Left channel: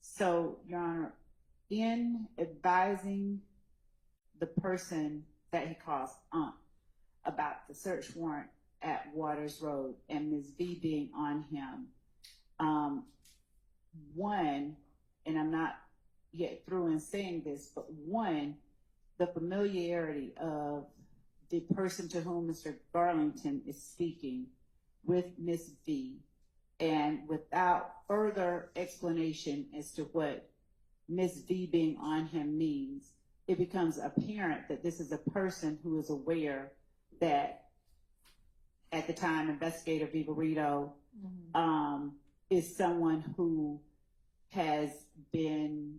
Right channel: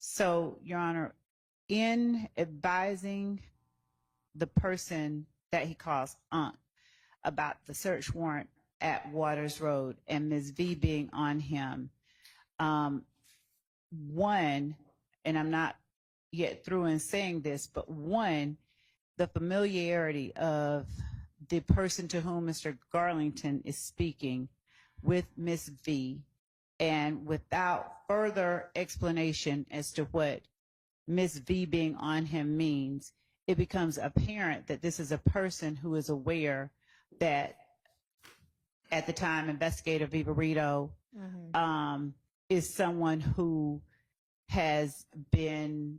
So, Your Honor, in advising the person that he calls Unc about the search warrant at Waters Road and Ms. V being on him, one, and I'm not yet through in saying this, but one, the familiarity of the person to whom Mr. Garlington is speaking with Ms. V, and without further explanation as to what Ms. V being on him means, it becomes apparent that this is a person who is aware that at the time Investigator Vivarito is someone who has been,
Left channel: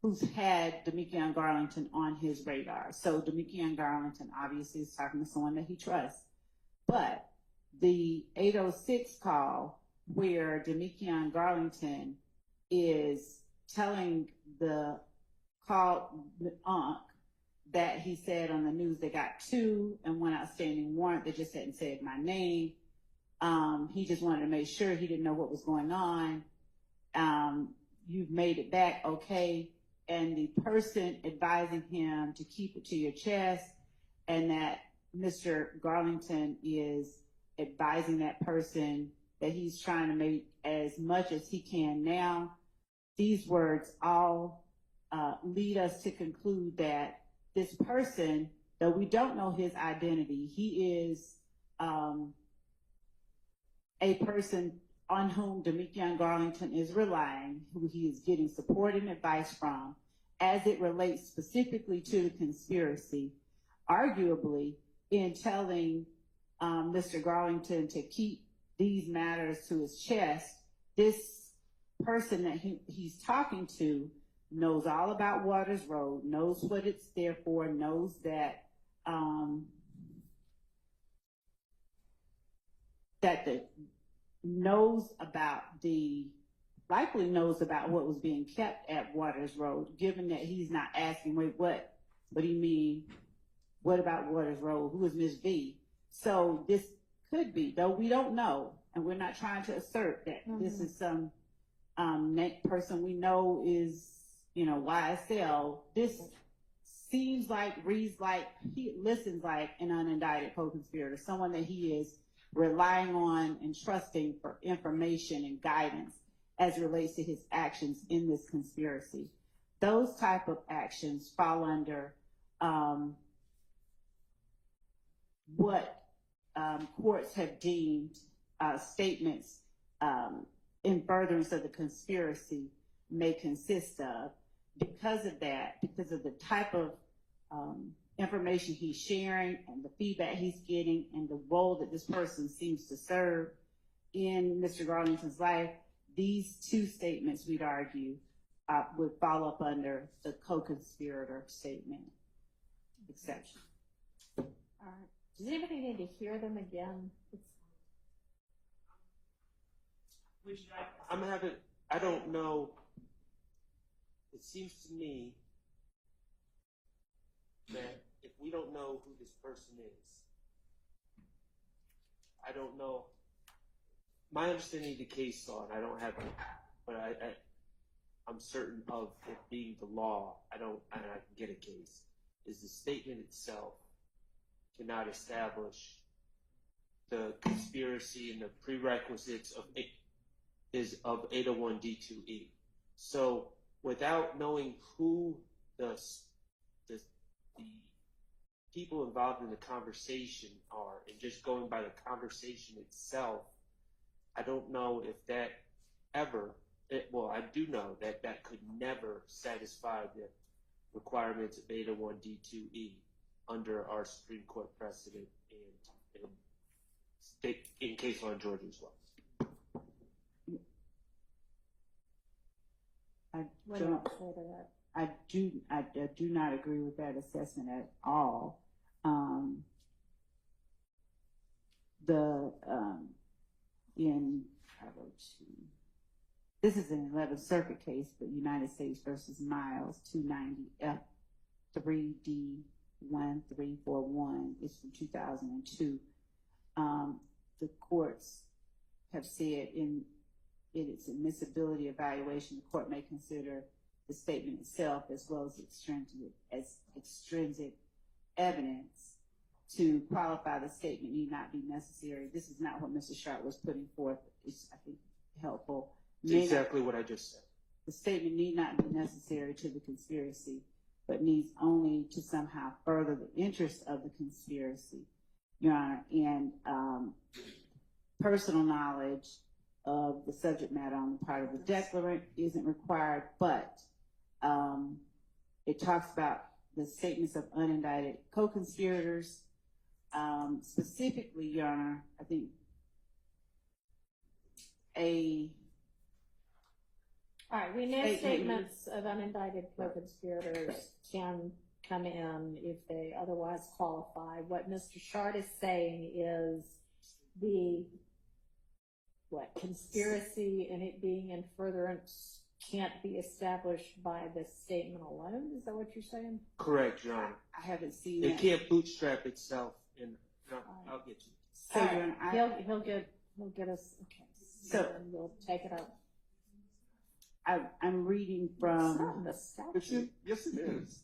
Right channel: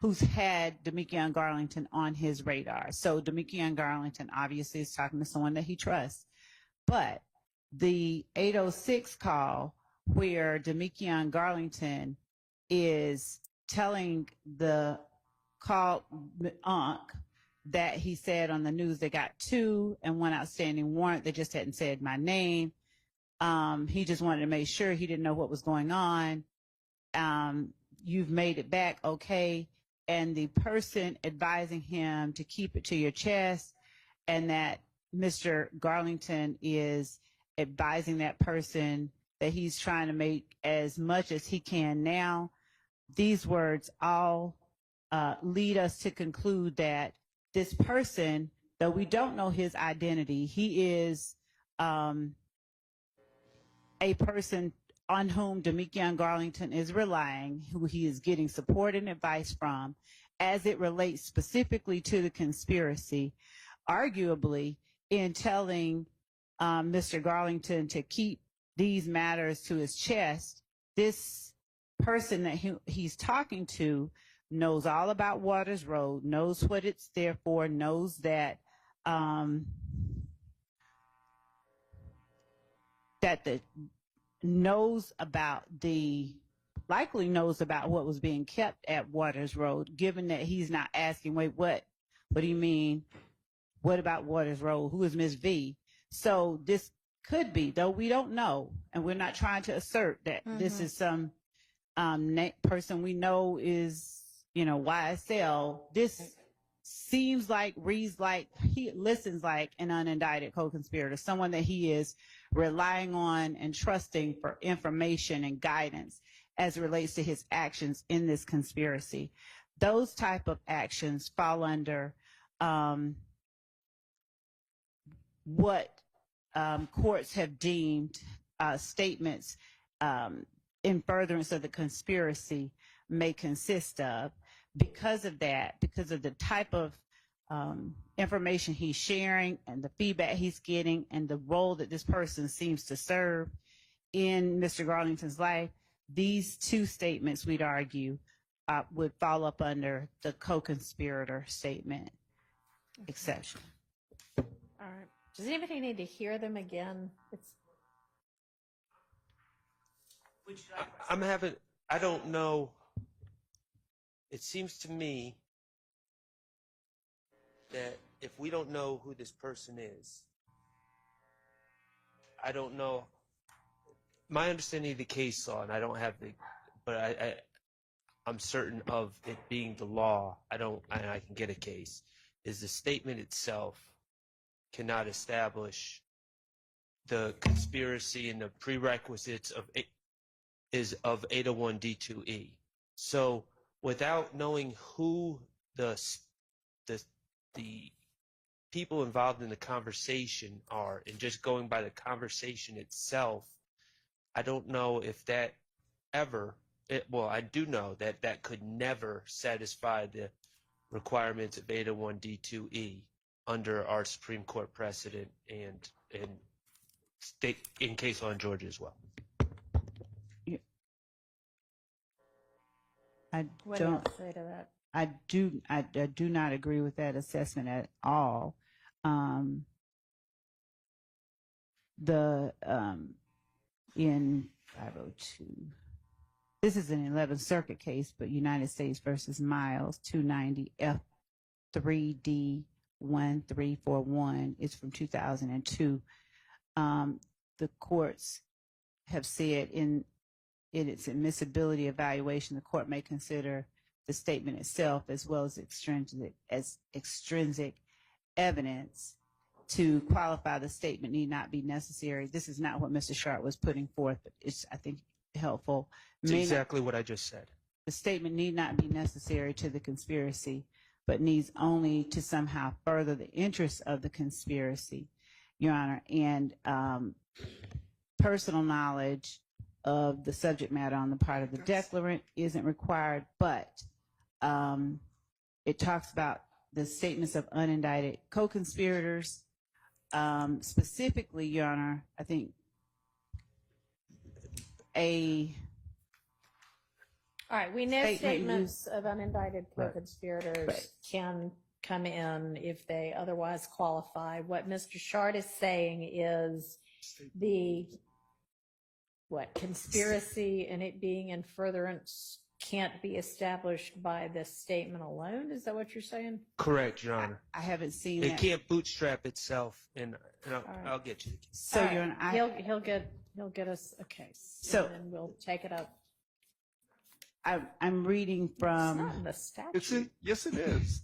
who's had Damekion Garlington on his radar. So Damekion Garlington obviously is talking to someone that he trusts. But the 806 call where Damekion Garlington is telling the call Unc that he said on the news they got 2 and 1 outstanding warrant. They just hadn't said my name. He just wanted to make sure, he didn't know what was going on. You've made it back, okay. And the person advising him to keep it to your chest, and that Mr. Garlington is advising that person that he's trying to make as much as he can now. These words all lead us to conclude that this person, though we don't know his identity, he is a person on whom Damekion Garlington is relying, who he is getting support and advice from, as it relates specifically to the conspiracy. Arguably, in telling Mr. Garlington to keep these matters to his chest, this person that he's talking to knows all about Waters Road, knows what it's there for, knows that likely knows about what was being kept at Waters Road, given that he's not asking, wait, what do you mean? What about Waters Road? Who is Ms. V? So this could be, though we don't know, and we're not trying to assert that this is some person we know is, YSL. This seems like, reads like, he listens like an unindicted co-conspirator, someone that he is relying on and trusting for information and guidance as it relates to his actions in this conspiracy. Those type of actions fall under what courts have deemed statements in furtherance of the conspiracy may consist of. Because of that, because of the type of information he's sharing and the feedback he's getting and the role that this person seems to serve in Mr. Garlington's life, these 2 statements, we'd argue, would fall up under the co-conspirator statement exception. All right. Does anybody need to hear them again? I don't know. It seems to me that if we don't know who this person is, I don't know. My understanding of the case law, and I don't have it, but I'm certain of it being the law, and I can get a case, is the statement itself cannot establish the conspiracy and the prerequisites of 801 D2E. So without knowing who the people involved in the conversation are, and just going by the conversation itself, I don't know if that ever, I do know that that could never satisfy the requirements of 801 D2E under our Supreme Court precedent and state in case law in Georgia as well. What do you say to that? I do not agree with that assessment at all. In 502, this is an 11th Circuit case, but United States versus Miles 290 F3D1341 is from 2002. The courts have said in in its admissibility evaluation, the court may consider the statement itself as well as extrinsic evidence. To qualify, the statement need not be necessary. This is not what Mr. Schardt was putting forth. It's, I think, helpful. It's exactly what I just said. The statement need not be necessary to the conspiracy, but needs only to somehow further the interests of the conspiracy, Your Honor. And personal knowledge of the subject matter on the part of the declarant isn't required, but it talks about the statements of unindicted co-conspirators. Specifically, Your Honor, I think all right, we know statements of unindicted co-conspirators can come in if they otherwise qualify. What Mr. Schardt is saying is the conspiracy and it being in furtherance can't be established by this statement alone. Is that what you're saying? Correct, Your Honor. I haven't seen it. It can't bootstrap itself, and I'll get you the case. So, Your Honor, he'll get us a case. So, and we'll take it up. I'm reading from. It's not in the statute. Yes, it is.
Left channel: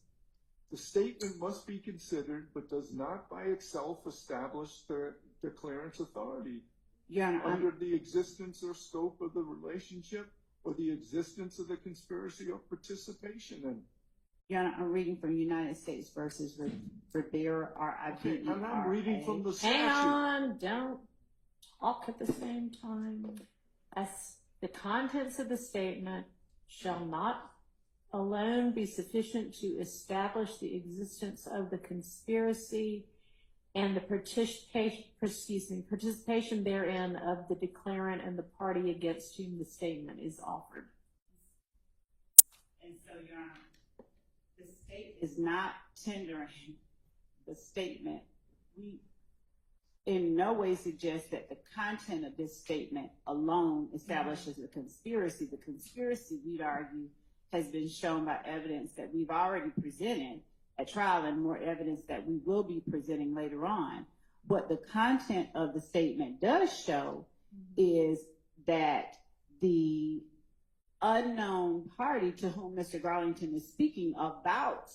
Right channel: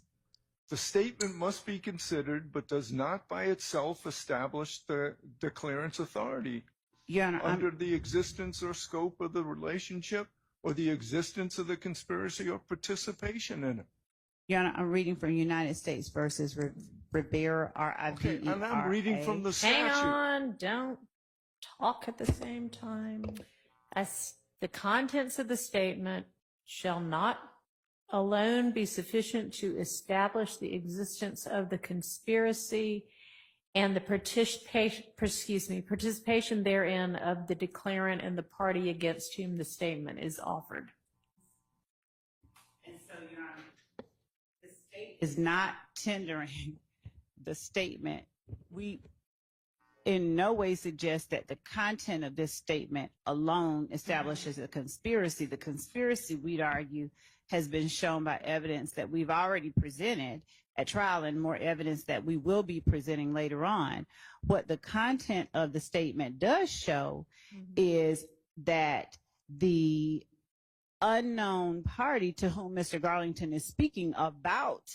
The statement must be considered, but does not by itself establish the declarant's authority. Your Honor, under the existence or scope of the relationship or the existence of the conspiracy or participation in it. Your Honor, I'm reading from United States versus Rivera, R-I-V-E-R-A. Okay, and I'm reading from the statute. Hang on, don't talk at the same time. As the contents of the statement shall not alone be sufficient to establish the existence of the conspiracy and the participation therein of the declarant and the party against whom the statement is offered. And so, Your Honor, the state is not tendering the statement. We in no way suggest that the content of this statement alone establishes a conspiracy. The conspiracy, we'd argue, has been shown by evidence that we've already presented at trial and more evidence that we will be presenting later on. What the content of the statement does show is that the unknown party to whom Mr. Garlington is speaking about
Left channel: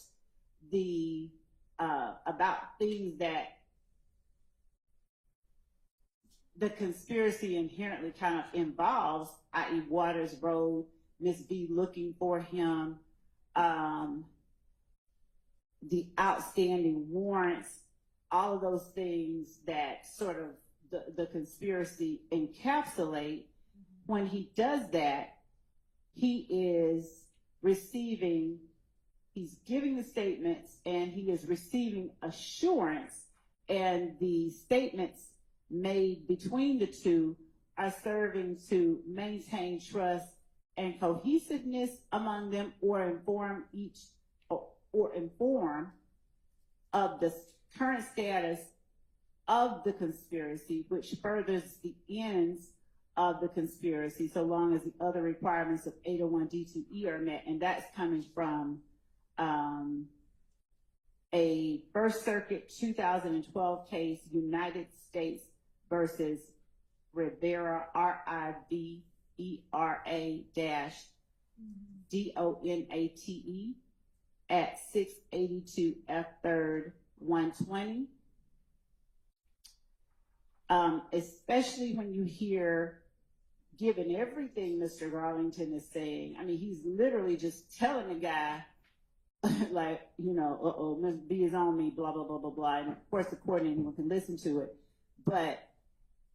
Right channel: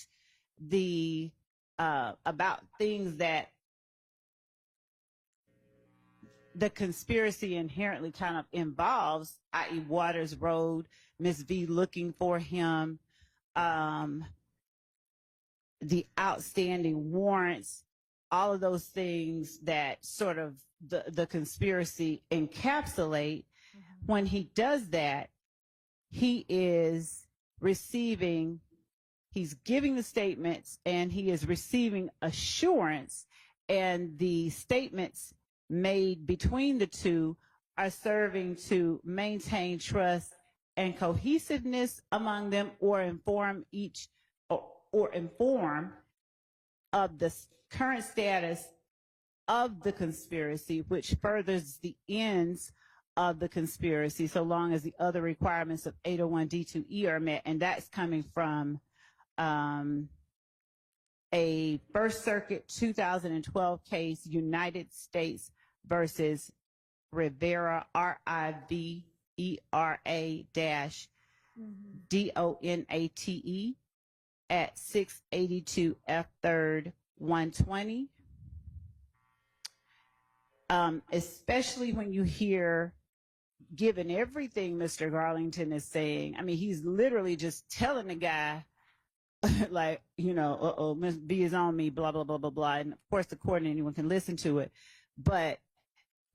things that the conspiracy inherently kind of involves, i.e. Waters Road, Miss V looking for him, the outstanding warrants, all of those things that sort of the conspiracy encapsulate. When he does that, he is receiving, he's giving the statements and he is receiving assurance, and the statements made between the two are serving to maintain trust and cohesiveness among them, or inform of the current status of the conspiracy, which furthers the ends of the conspiracy, so long as the other requirements of 801D2E are met. And that's coming from a First Circuit 2012 case, United States versus Rivera, RIVERA-DONATE at 682 F 3rd 120. Especially when you hear, given everything Mr. Garlington is saying, I mean, he's literally just telling the guy, like, you know, Miss B is on me, blah, blah, blah, blah, blah. And of course, the court and anyone can listen to it. But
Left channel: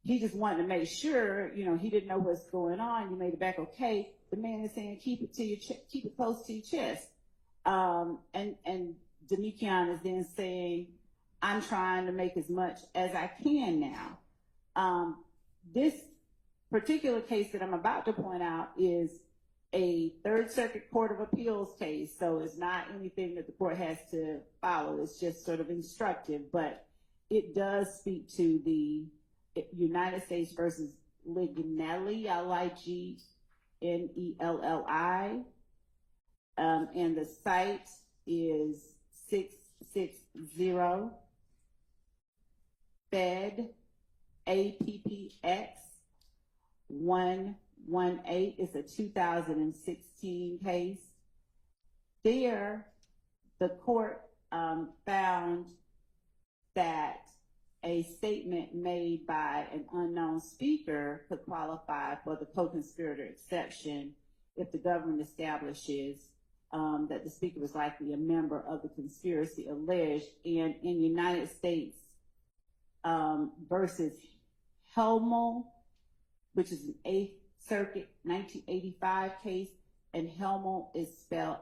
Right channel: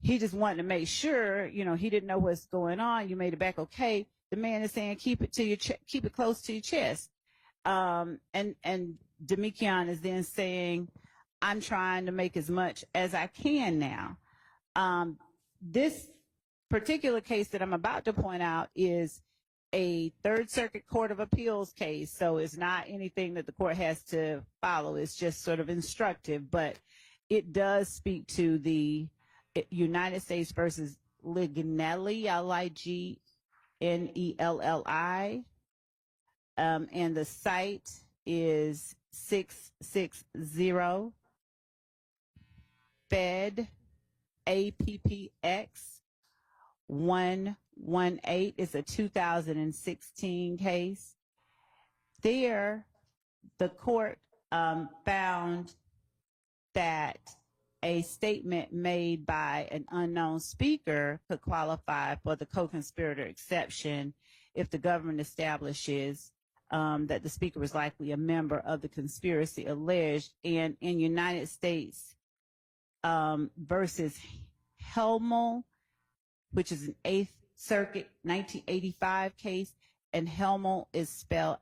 he just wanted to make sure, you know, he didn't know what's going on. You made it back okay. The man is saying, keep it close to your chest. And Damekion is then saying, I'm trying to make as much as I can now. This particular case that I'm about to point out is a Third Circuit Court of Appeals case, so it's not anything that the court has to follow. It's just sort of instructive, but it does speak to the United States versus Lignelli, Lignelli, and the site is 660 Fed APPX 18 is a 2016 case. There, the court found that a statement made by an unknown speaker could qualify for the co-conspirator exception if the government establishes that the speaker was likely a member of the conspiracy alleged. And in United States versus Helmel, which is an 8th Circuit 1985 case, and Helmel is spelled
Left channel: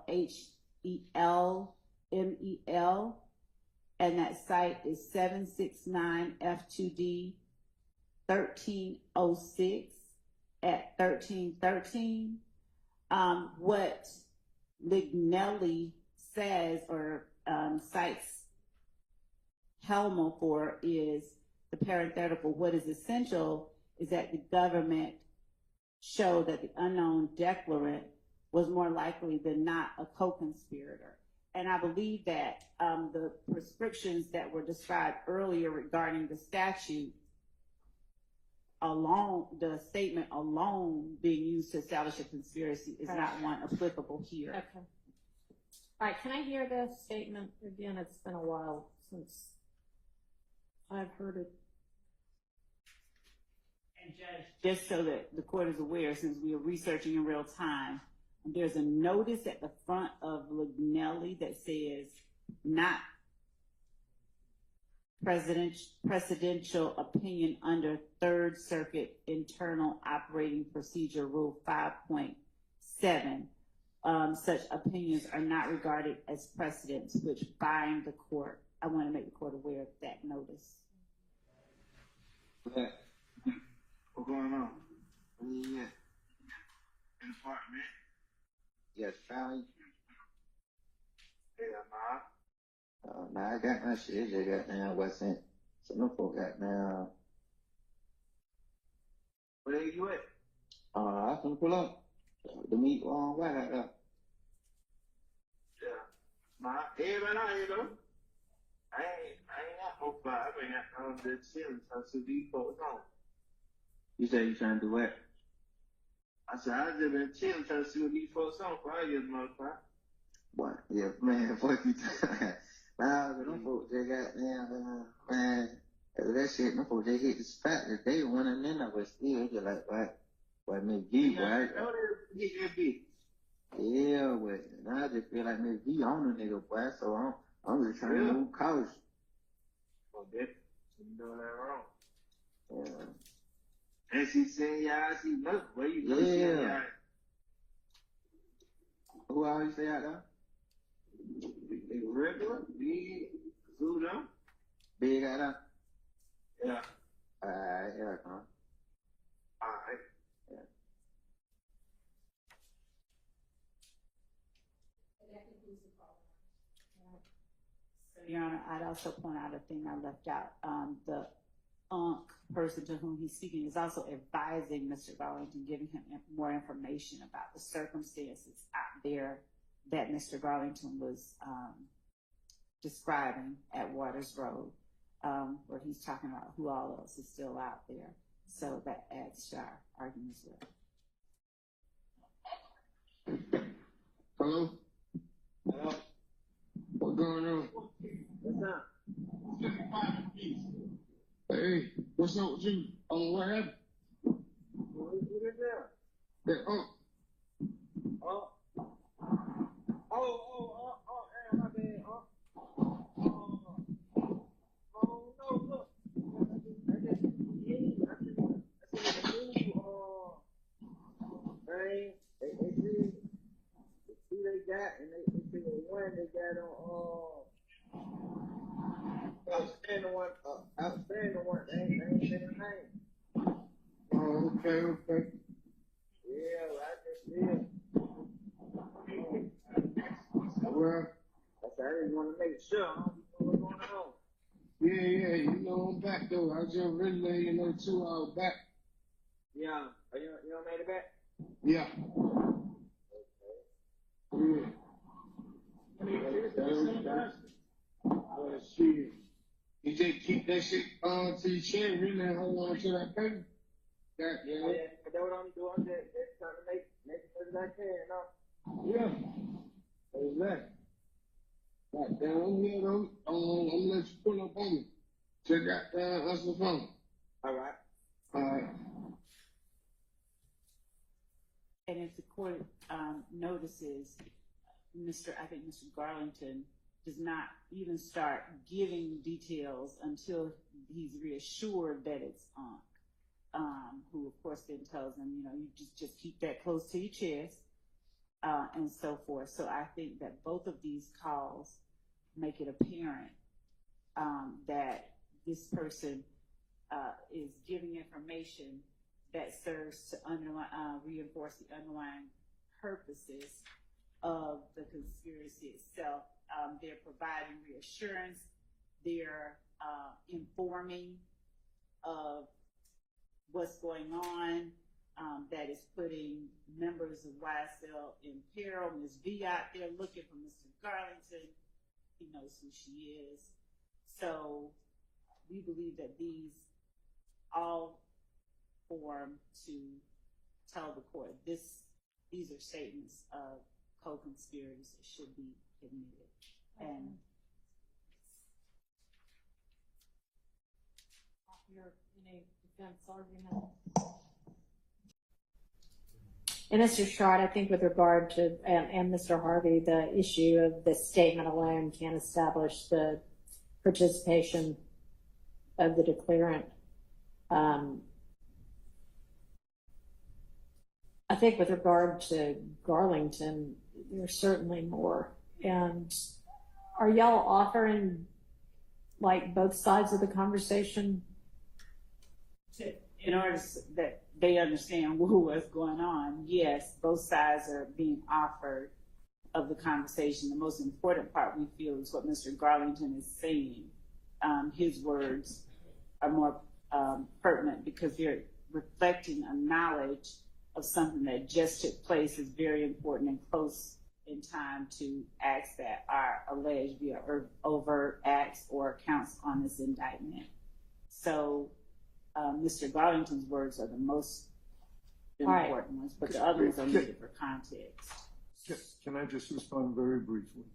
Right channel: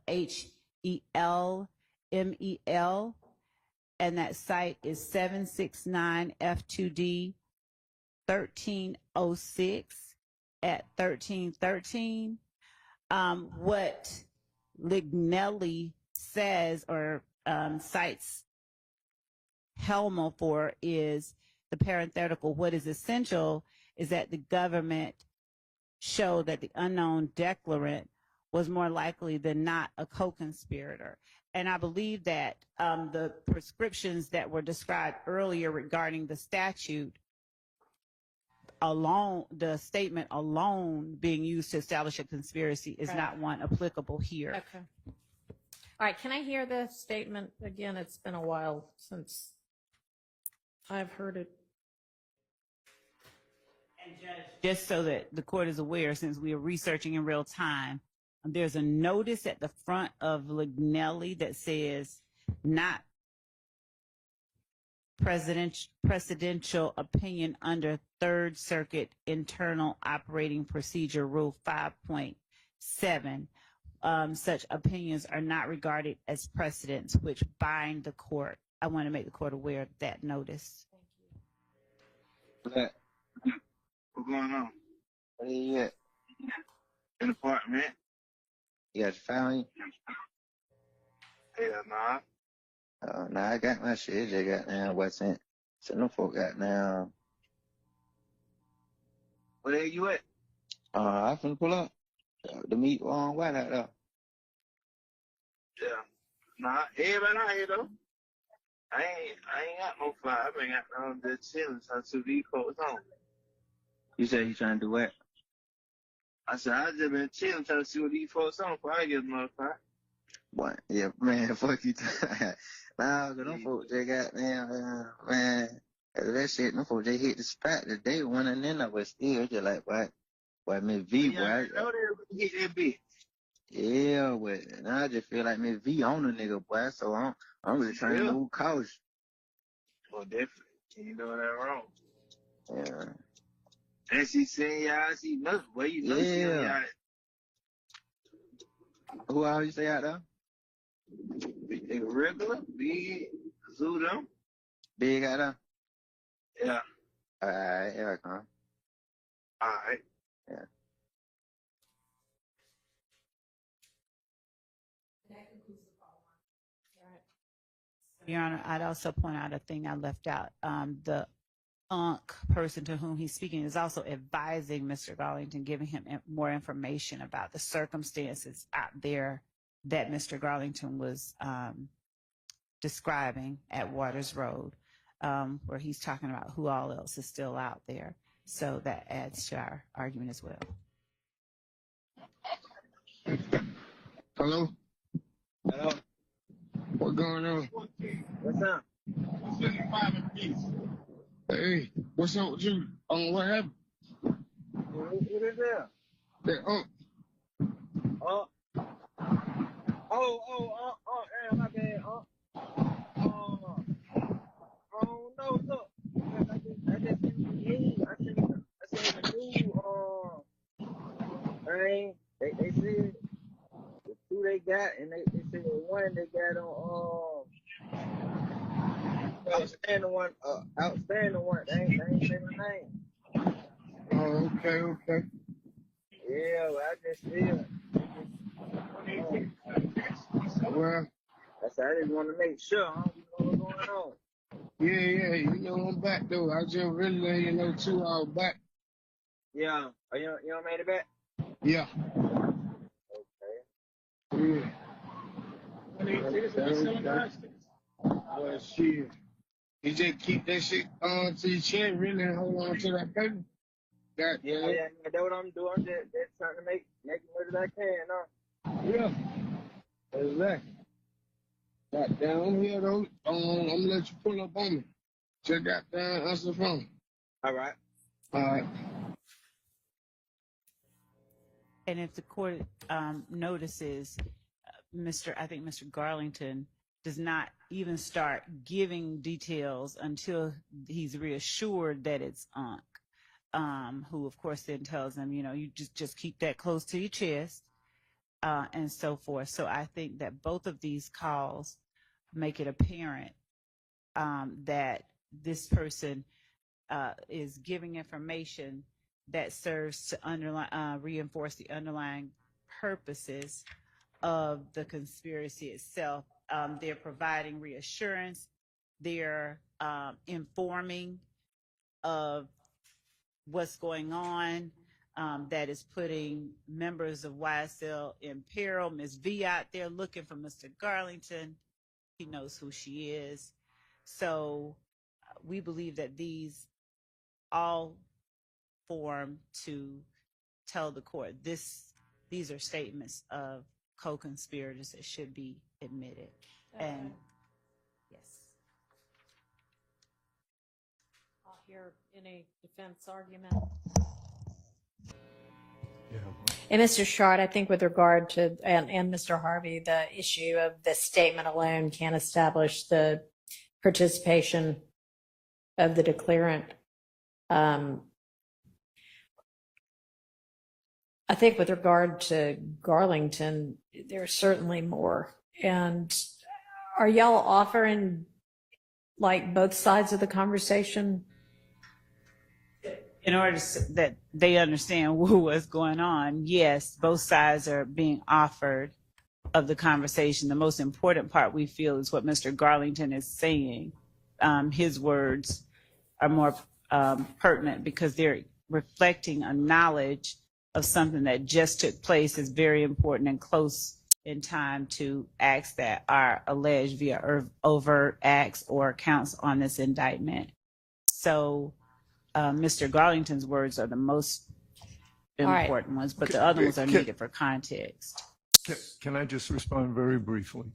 Helmel, and that site is 769 F2D 1306 at 1313. What Lignelli says or cites Helmel for is the parenthetical. What is essential is that the government show that the unknown declarant was more likely than not a co-conspirator. And I believe that the prescriptions that were described earlier regarding the statute alone, the statement alone being used to establish a conspiracy is not one applicable here. Okay. All right, can I hear the statement again? It's been a while since I've heard it. And Judge, just so that the court is aware, since we are researching in real time, there's a notice at the front of Lignelli that says not presidential opinion under Third Circuit Internal Operating Procedure Rule 5.7. Such opinions are not regarded as precedents which bind the court. I want to make the court aware of that notice. What's going on? What are you at? In the apartment. You got your family? Hell nah. Oh, nah, I got my shit. They got down West End. So no folk got down. Where you at? I can pull up. The meet on White out there. Yeah. Nah, everybody out here though. I ain't got no fly. I been got the chillin' to these folks home. You said you trying to do what? I said I just been chilling trying to see what these folks on before I get another fly. What? Yeah, man, fuck you. Nah, cause them folks they got damn man. That shit, them folks they hit the spot the day one and then I was still just like what Miss V boy. Yeah, I know they hit that bitch. Yeah, but now I just feel like Miss V on the nigga boy, so I'm just trying to move cautious. Well, definitely. You doing that wrong. Yeah. And she saying y'all, she must. Where you know she y'all? Who else you say out there? Big regular, big Zudo. Big out there? Yeah. Alright, here I come. Alright. Yeah. Your Honor, I'd also point out a thing I left out. The person to whom he's speaking is also advising Mr. Garlington, giving him more information about the circumstances out there that Mr. Garlington was describing at Waters Road, where he's talking about who all else is still out there. So that adds to our argument as well. Hello? Hello? What's going on? What's up? Hey, what's up with you? What happened? What is that? That My bad, I don't know, look. I just seen the news. I seen the news, they said the two they got, and they said the one they got on, outstanding one, they ain't say the name. oh, okay. Yeah, well, I just feel. Well, I just want to make sure. I don't know what's going on. yeah, you know I'm back though. I just really let you know 2 hours back. Yeah. Oh, you don't made it back? Yeah. Okay. Yeah. Well, shit. You just keep that shit on to your chin, really, and hold on to that paper. Yeah, That's what I'm doing. I'm just trying to make as much as I can. Yeah, exactly. Goddamn, I'm here though. I'm gonna let you pull up on me. Check out answer the phone. All right. All right. And if the court notices, I think Mr. Garlington does not even start giving details until he's reassured that it's Unc, who of course then tells him, you just keep that close to your chest, and so forth. So I think that both of these calls make it apparent that this person is giving information that serves to reinforce the underlying purposes of the conspiracy itself. They're providing reassurance. They're informing of what's going on that is putting members of YSL in peril. Ms. V out there looking for Mr. Garlington. He knows who she is. So we believe that these all form to tell the court these are statements of co-conspirators that should be admitted. And yes. I'll hear any defense argument. And Mr. Schardt, I think with regard to, and Mr. Harvey, the issue of the statement alone can't establish the participation of the declarant. I think with regard to Garlington, there's certainly more. And are y'all offering like both sides of the conversation? In order that they understand what's going on, yes, both sides are being offered of the conversation. The most important part we feel is what Mr. Garlington is saying. His words are more pertinent because they're reflecting a knowledge of something that just took place is very important and close in time to acts that are alleged via overt acts or counts on this indictment. So Mr. Garlington's words are the most important ones, but the other ones are needed for context. Can I just respond very briefly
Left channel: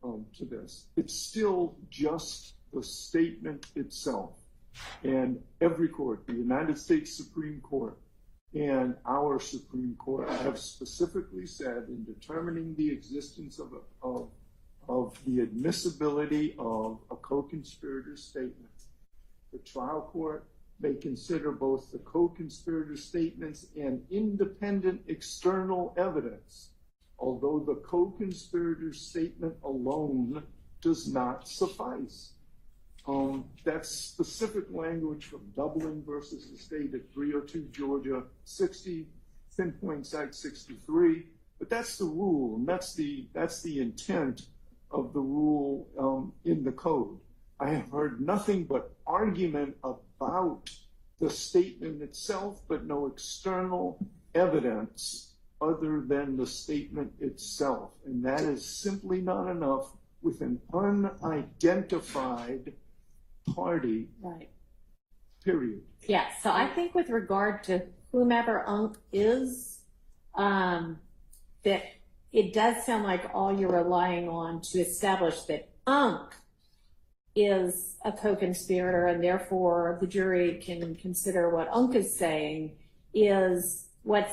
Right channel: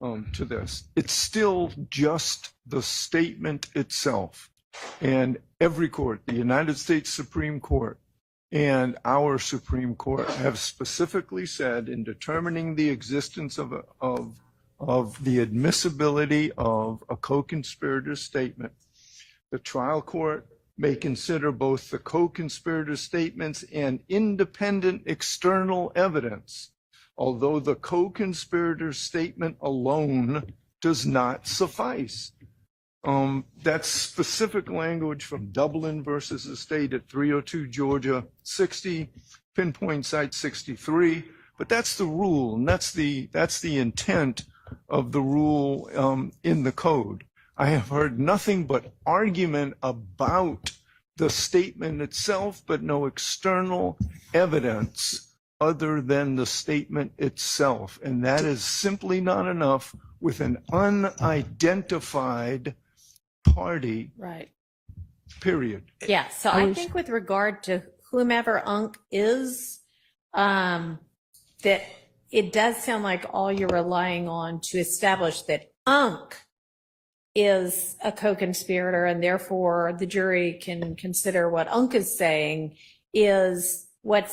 to this? It's still just the statement itself. And every court, the United States Supreme Court and our Supreme Court, have specifically said in determining the existence of the admissibility of a co-conspirator statement, the trial court may consider both the co-conspirator statements and independent external evidence, although the co-conspirator statement alone does not suffice. That's specific language from Dublin versus the state at 302 Georgia 60, pinpoint site 63. But that's the rule, and that's the intent of the rule in the code. I have heard nothing but argument about the statement itself, but no external evidence other than the statement itself. And that is simply not enough with an unidentified party, Right. period. Yeah, so I think with regard to whomever Unc is, that it does sound like all you're relying on to establish that Unc is a co-conspirator, and therefore the jury can consider what Unc is saying is what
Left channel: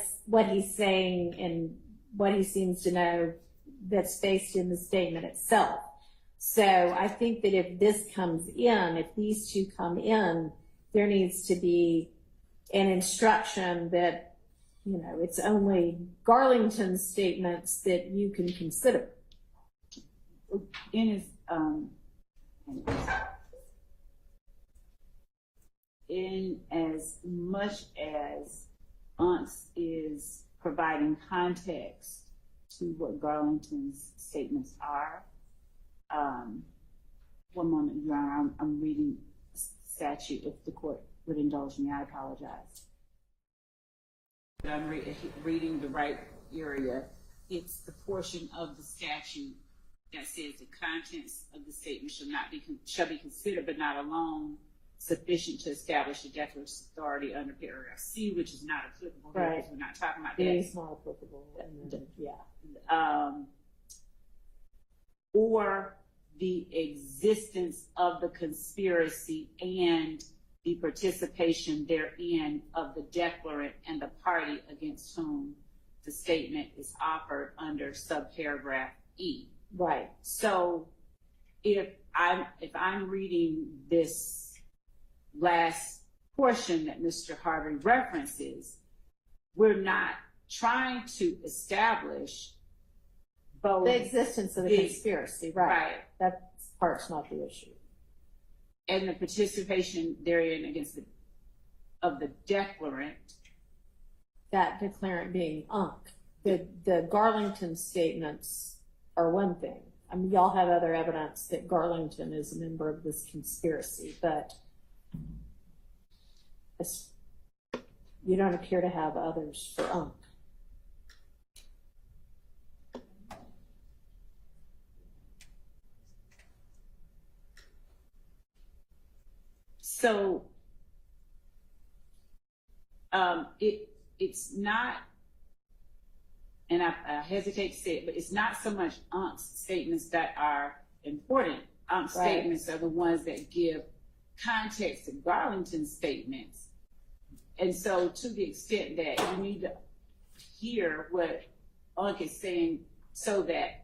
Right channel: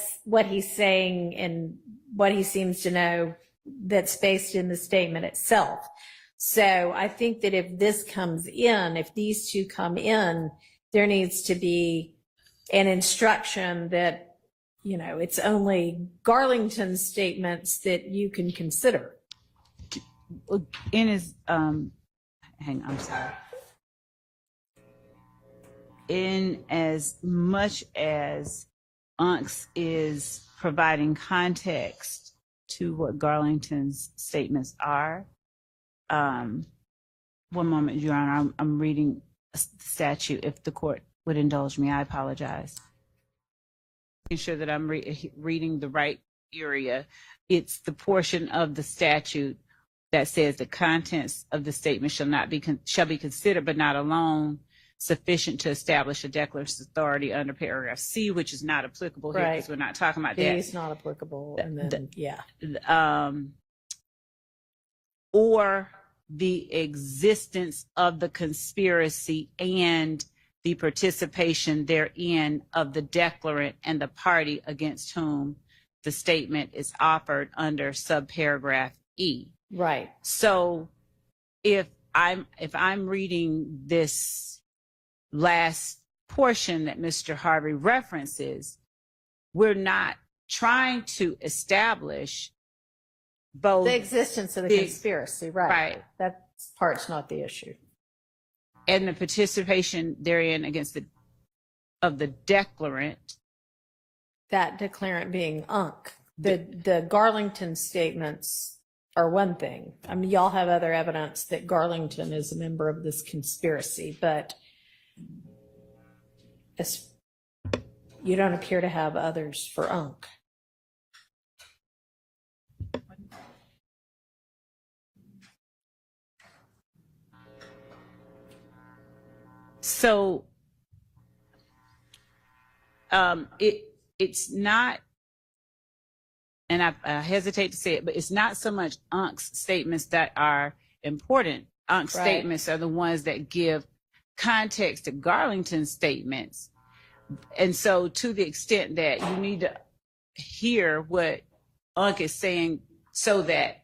he's saying and what he seems to know that's based in the statement itself. So I think that if this comes in, if these two come in, there needs to be an instruction that, it's only Garlington's statements that you can consider. In his, hang on, sorry. In as much as Unks is providing context to what Garlington's statements are, one moment, Your Honor, I'm reading a statute. If the court would indulge me, I apologize. Making sure that I'm reading the right area. It's the portion of the statute that says the contents of the statement shall be considered, but not alone, sufficient to establish a declarant's authority under paragraph C, which is not applicable here because we're not talking about B that. is not applicable, and then, Or the existence of the conspiracy and the participation therein of the declarant and the party against whom the statement is offered under subparagraph E. Right. So if I'm reading this last portion that Mr. Harvey references, we're not trying to establish both The existence of the conspiracy, right. Right. That part's not the issue. and the participation therein against of the declarant. That declarant being Unc. The Garlington statements are one thing. I mean, y'all have other evidence that Garlington is a member of this conspiracy, but you don't appear to have others for Unc. So it's not, and I hesitate to say it, but it's not so much Unc's statements that are important. Unc's statements are the ones that give context to Garlington's statements. And so to the extent that you need to hear what Unc is saying so that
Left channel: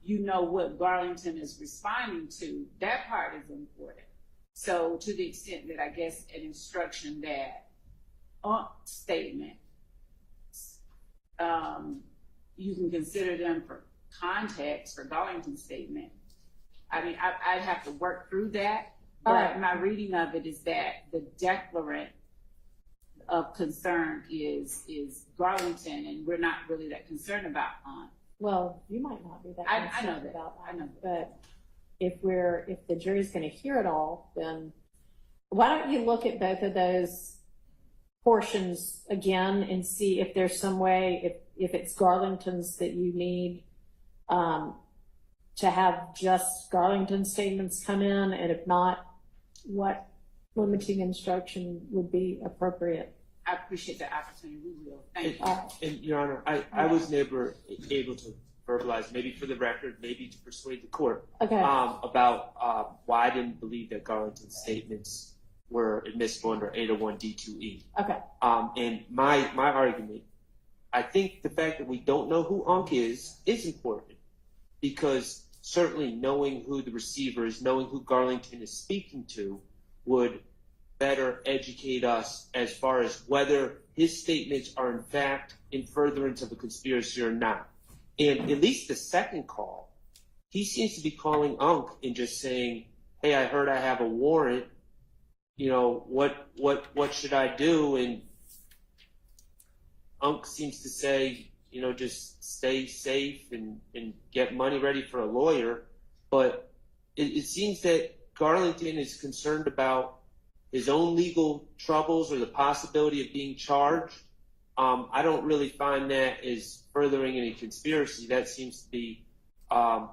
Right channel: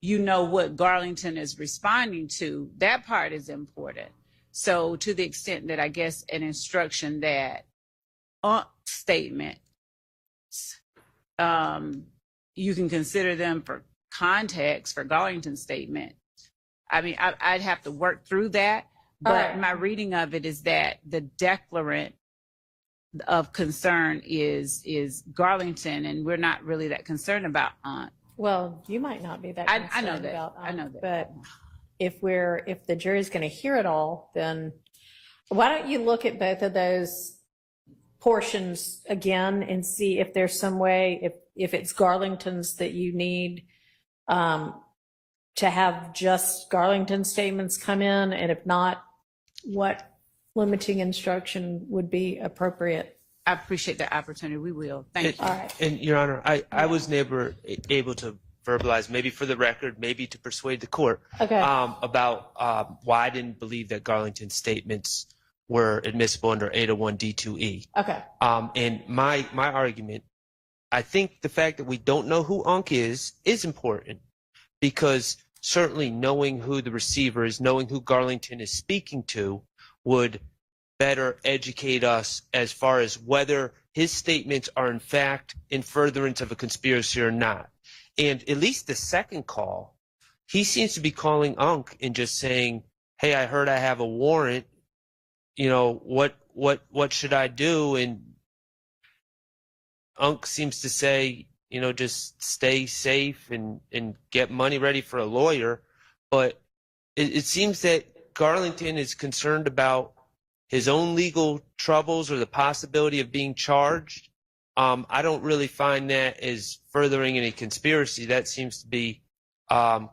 you know what Garlington is responding to, that part is important. So to the extent that I guess an instruction that Unc's statements, you can consider them for context for Garlington's statement. I mean, I'd have to work through that, but my reading of it is that the declarant of concern is Garlington, and we're not really that concerned about Unc. Well, you might not be that concerned I know that. about Unc, I know that. But if the jury's going to hear it all, then why don't you look at both of those portions again and see if there's some way, if it's Garlington's that you need to have just Garlington statements come in, and if not, what limiting instruction would be appropriate? I appreciate that opportunity. We will. Thank you. All right. And Your Honor, I was never able to verbalize, maybe for the record, maybe to persuade the court, Okay. about why I didn't believe that Garlington's statements were admissible under 801 D2E. Okay. And my argument, I think the fact that we don't know who Unc is important, because certainly knowing who the receiver is, knowing who Garlington is speaking to, would better educate us as far as whether his statements are in fact in furtherance of a conspiracy or not. And at least the second call, he seems to be calling Unc and just saying, "Hey, I heard I have a warrant. You know, what should I do?" And Unc seems to say, you know, just stay safe and get money ready for a lawyer. But it seems that Garlington is concerned about his own legal troubles or the possibility of being charged. I don't really find that as furthering any conspiracy. That seems to be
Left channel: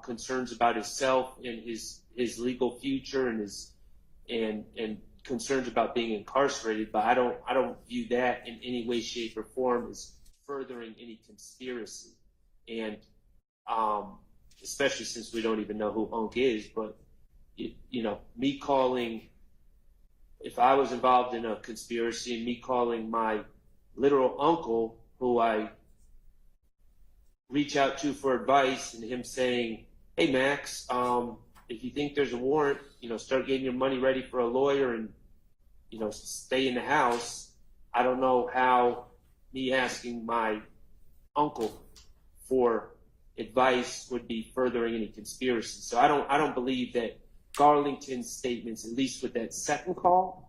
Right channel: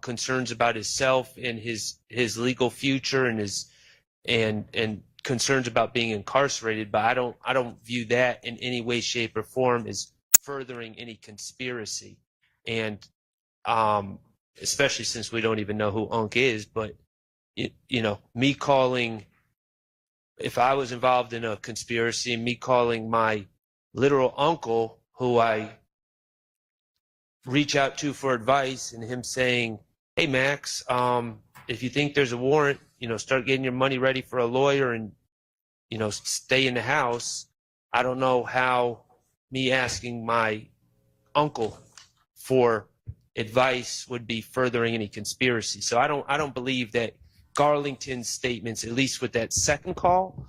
concerns about himself and his legal future and concerns about being incarcerated. But I don't view that in any way, shape, or form as furthering any conspiracy. And especially since we don't even know who Unc is. But you know, me calling, if I was involved in a conspiracy, and me calling my literal uncle, who I reach out to for advice, and him saying, "Hey, Max, if you think there's a warrant, you know, start getting your money ready for a lawyer and, you know, stay in the house." I don't know how me asking my uncle for advice would be furthering any conspiracy. So I don't believe that Garlington's statements, at least with that second call,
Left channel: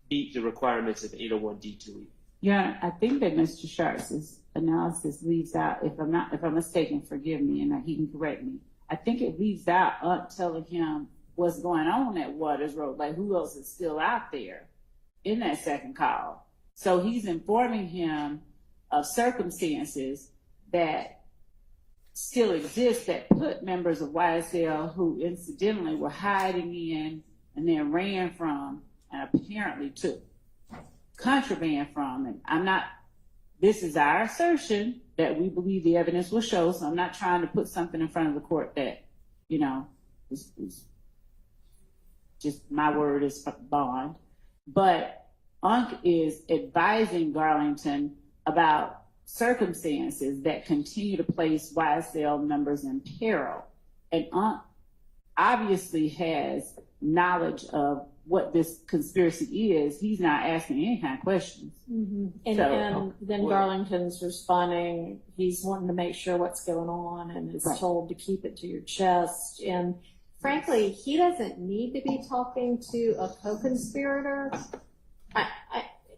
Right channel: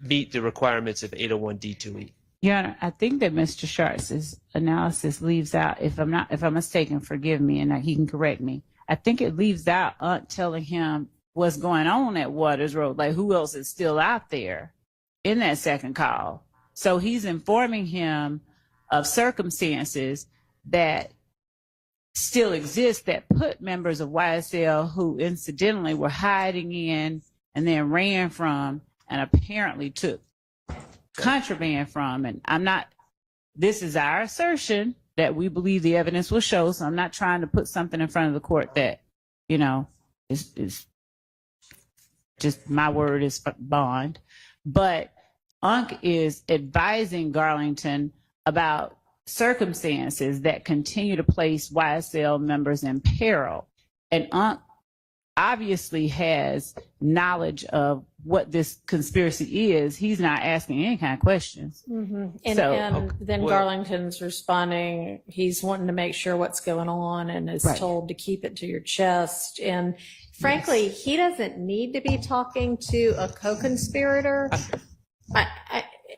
meet the requirements of 801 D2E. Yeah, I think that Mr. Schart's analysis leaves out, if I'm mistaken, forgive me, and he can correct me. I think it leaves out Unc telling him what's going on at Waters Road, like who else is still out there in that second call. So he's informing him of circumstances that still exist that put members of YSL who incidentally were hiding in and then ran from and apparently took contraband from. And this is our assertion that we believe the evidence will show. So I'm not trying to put something in front of the court that, is just my word is bond. But Unc is advising Garlington about circumstances that continue to place YSL members in peril. And Unc obviously has knowledge of what this conspiracy is. He's not asking any kind of questions. And then Garlington's responding, he's wanting to make sure what's going on and is told to keep it to your chest. And frankly, he doesn't need to be talking to a co-conspirator. I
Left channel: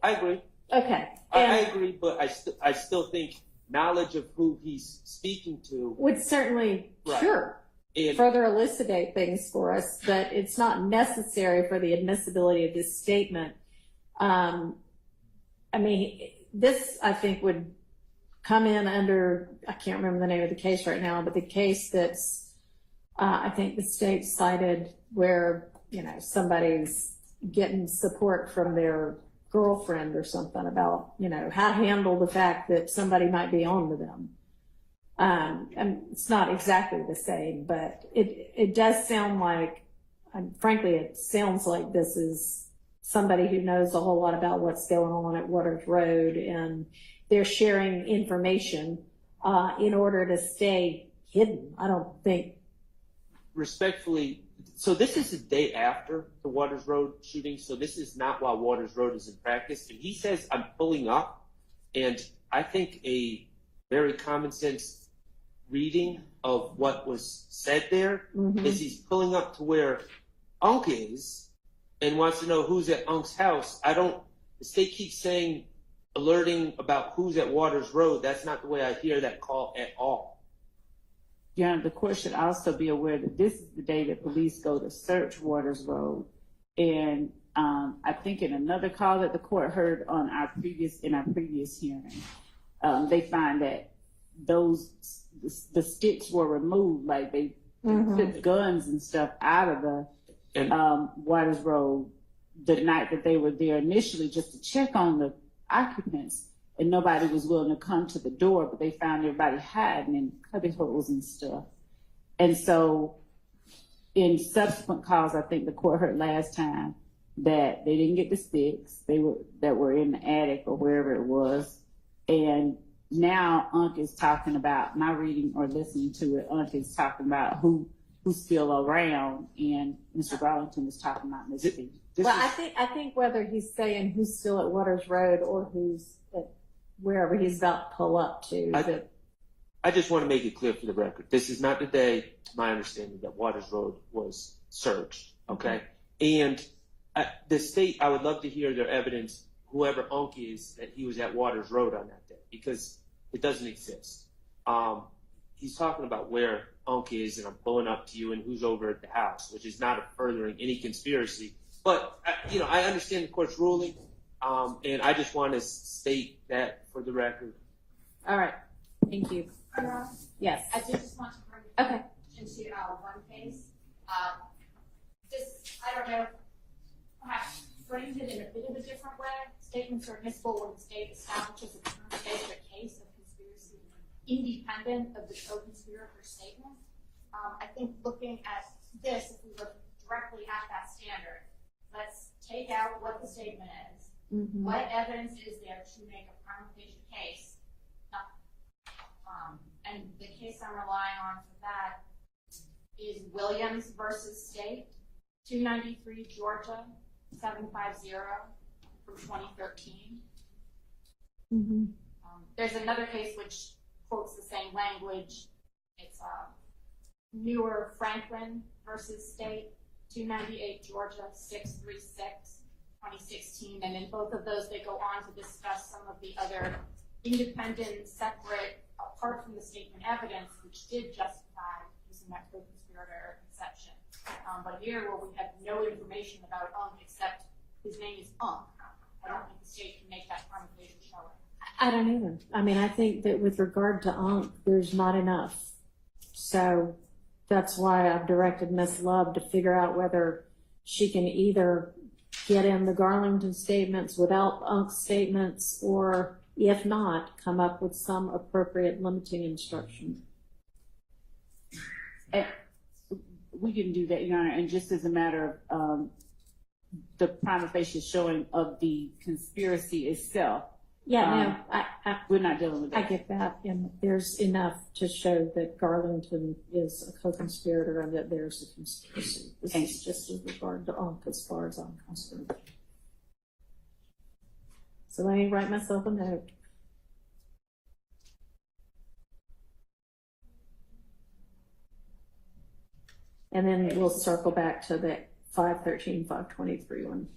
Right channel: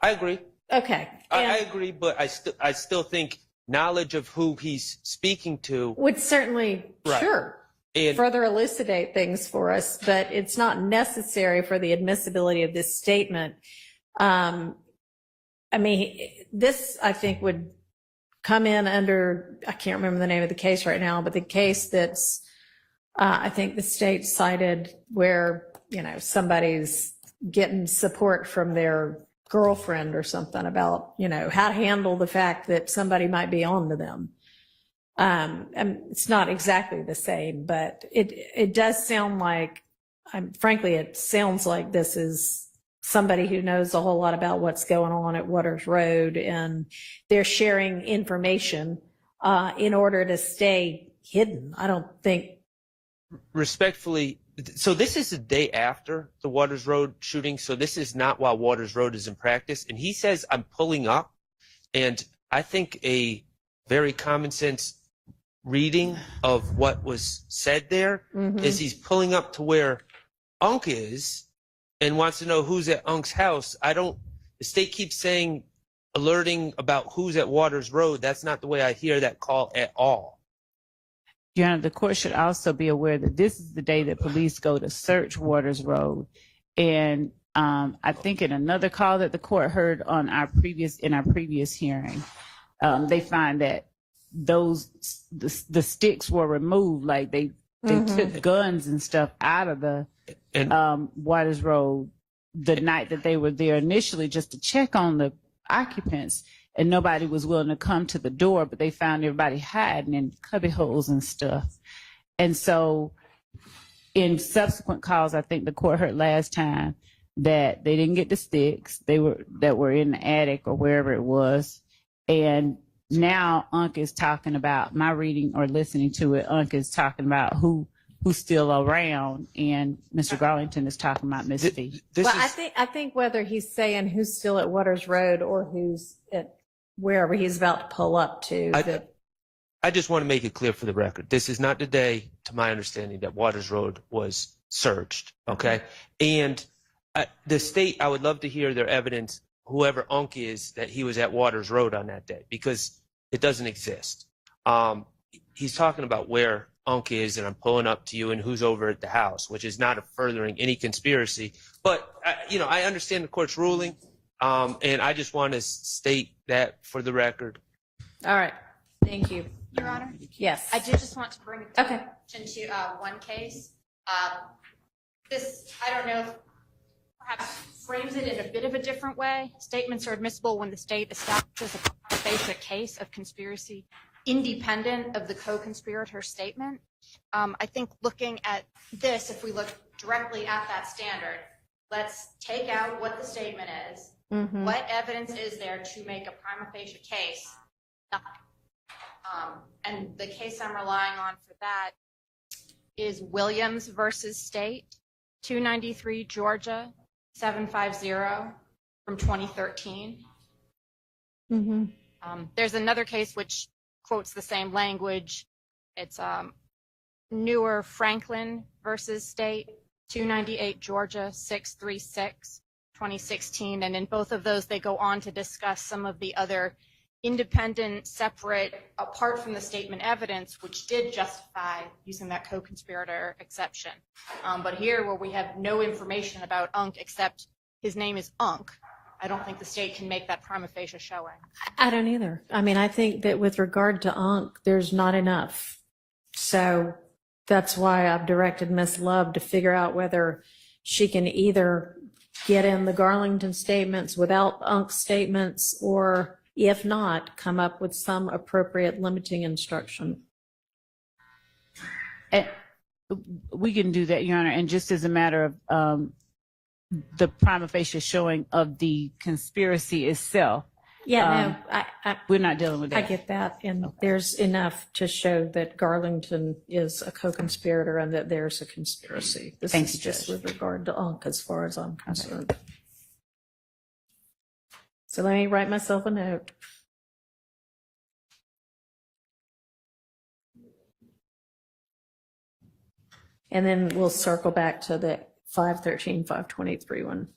agree. Okay. I agree, but I still think knowledge of who he's speaking to would certainly, sure, and further elucidate things for us, but it's not necessary for the admissibility of this statement. I mean, this, I think, would come in under, I can't remember the name of the case right now, but the case that's, I think the state cited where, somebody's getting support from their girlfriend or something about, how to handle the fact that somebody might be on to them. And it's not exactly the same, but it does sound like, frankly, it sounds like this is somebody who knows a whole lot about what's going on at Waters Road, and they're sharing information in order to stay hidden. I don't think. Respectfully, so this is the day after the Waters Road shooting, so this is not while Waters Road is in practice. And he says, I'm pulling up, and I think a very common sense reading of what was said there is he's pulling up to where Unc is and wants to know who's at Unc's house. The state keeps saying, alerting about who's at Waters Road. That's not the way I hear that call at all. Your Honor, the court should also be aware that this is the day that police go to search Waters Road. And I think in another call that the court heard on our previous hearing, they find that the sticks were removed, like they took guns and stuff out of the Waters Road the night that they were there initially, just to check on the occupants, and nobody was willing to come to the door, but they found everybody hiding in cubby holes and stuff. And so in subsequent calls, I think the court heard last time that they didn't get the sticks that were in the attic or wherever it was. And now Unc is talking about, my reading or listening to it, Unc is talking about who's still around, and Mr. Garlington is talking about Miss Fee. I think whether he's saying who's still at Waters Road or who's at wherever he's about to pull up to. I just want to make it clear for the record. This is not the day, to my understanding, that Waters Road was searched, okay? And the state, I would love to hear their evidence, whoever Unc is, that he was at Waters Road on that day, because it doesn't exist. He's talking about where Unc is, and I'm pulling up to you, and who's over at the house, which is not furthering any conspiracy. But, I understand the court's ruling, and I just want to state that for the record. All right. Thank you. Your Honor? Yes. I do just want to bring attention to one case. This, I don't know, perhaps frames it in a bit of a different way. Statements are admissible when the state establishes a basic case of conspiracy independent of the co-conspirator statement. I think looking at this, if we look directly at that standard, let's take out what the statement is. What evidence is there to make a prima facie case? Nothing. And the case I'm relying on for that is Williams versus State, 293 Georgia, 750 from 2013. There's another case which quotes the same language. It's Newer Franklin versus State, 298 Georgia, 636, 2016. And in both of those, they go on to discuss some of the other independent, separate, apart from the statement evidence, which did justify using that co-conspirator exception. But here, where we have no information about Unc except his name is Unc, I don't think the state can make that prima facie showing. I don't either. I mean, I think that with regard to Unc, there's not enough. So that's why I've directed Ms. Love to figure out whether she can either get in the Garlington statements without Unk's statements, or if not, come up with some appropriate limiting instruction. And we can do that, Your Honor. And just as a matter of the prima facie showing of the conspiracy itself, Yeah, we're not dealing with that. I get that, and there's enough to show that Garlington is a co-conspirator and that there's a conspiracy. This Thank is you, just Judge. with regard to Unk, as far as I'm concerned. So let me write myself a note. And then we'll circle back to the 513, 523 one.